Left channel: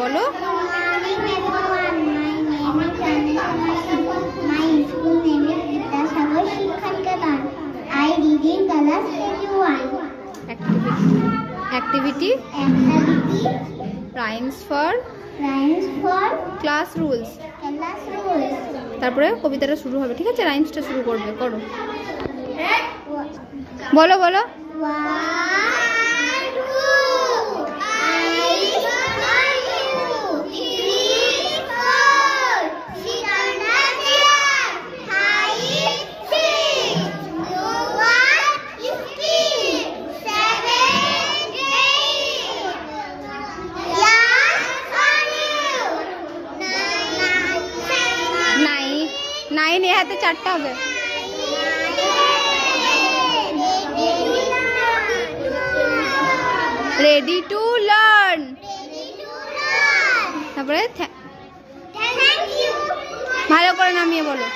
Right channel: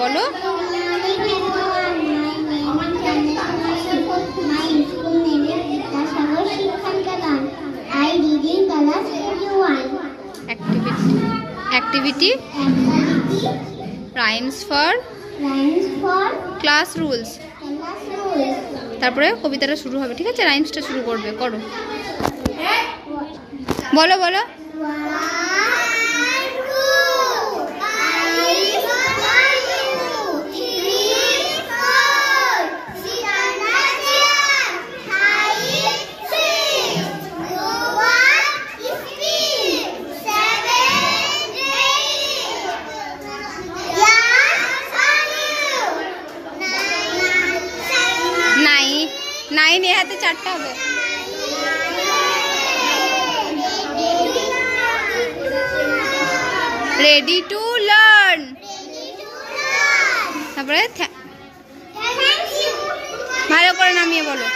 বলো। Activity rhymes for class rules। তারপরে কবিতাটা শুরু হবে, ঠিক আছে? রাইমসটা শুরু করবে, করো। বলো বলো। নাইন এ হাতে চারটা হবে। Ready to learn. তারপরে ভালো করে নামিয়ে বলো।